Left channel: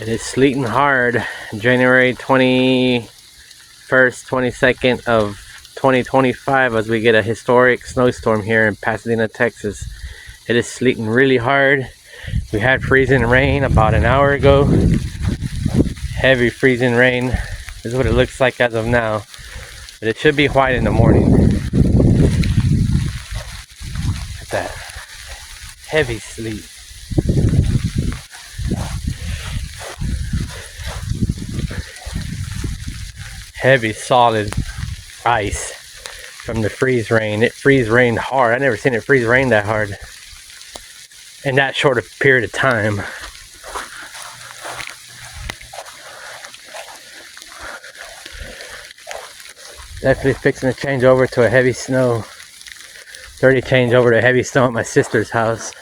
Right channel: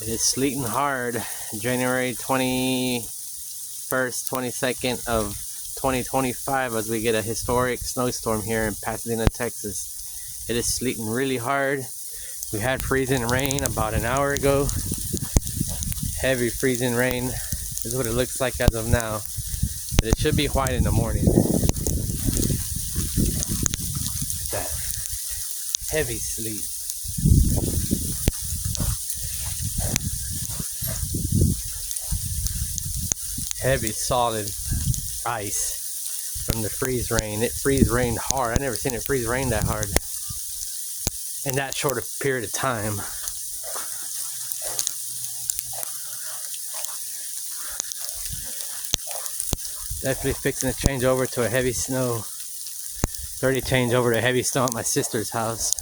It is sleeting hard. January 21st, 22nd of 2025 as we get a historic snowstorm here in Pasadena, Texas. It is sleeting really hard. We had freezing rain about an hour ago. Heavy freezing rain. This is what it looks like as of now. But it should be white in the morning. Look at that. Heavy sleet. Heavy solid ice from the freeze rain. It freeze rained hard. I never seen it freeze rain that hard in that short a period of time. Definitely fixing to change over to a heavy snow. It's already changed over to heavy snow at my sister's house.